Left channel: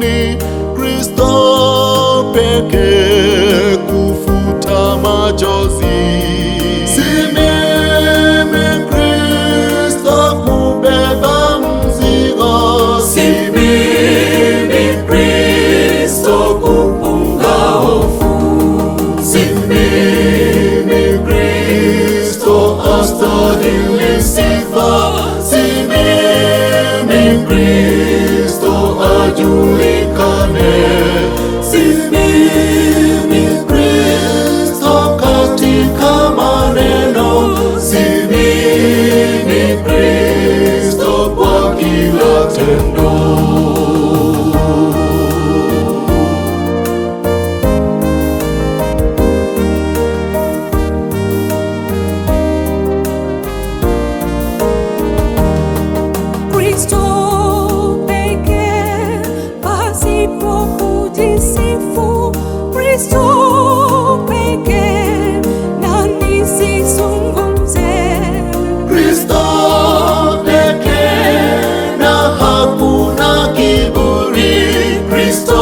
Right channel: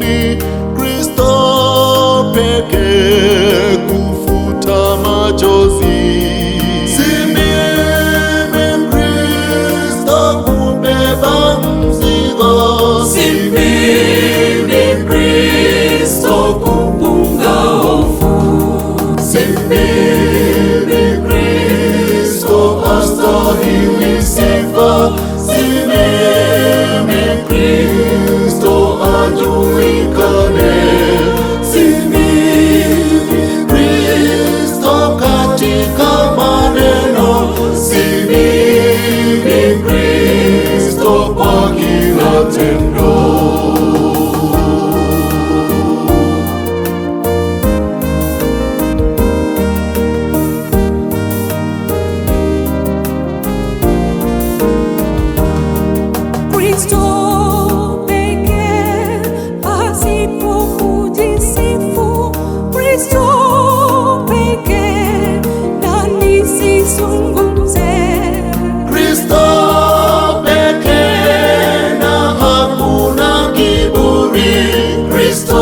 ni Kristo pekee kufuta machozi. Si mimi Kristo kubeba mzigo, si mimi Kristo kupunga hofu, si mimi Kristo astahili sifa, si mimi Kristo ajulikane, si mimi Kristo katika maneno, si mimi Kristo kwa kila tendo. Kristo pekee pasipo kujisifu, Kristo pekee na nisizungumze. Kristo pekee na hakuna kiburi, Kristo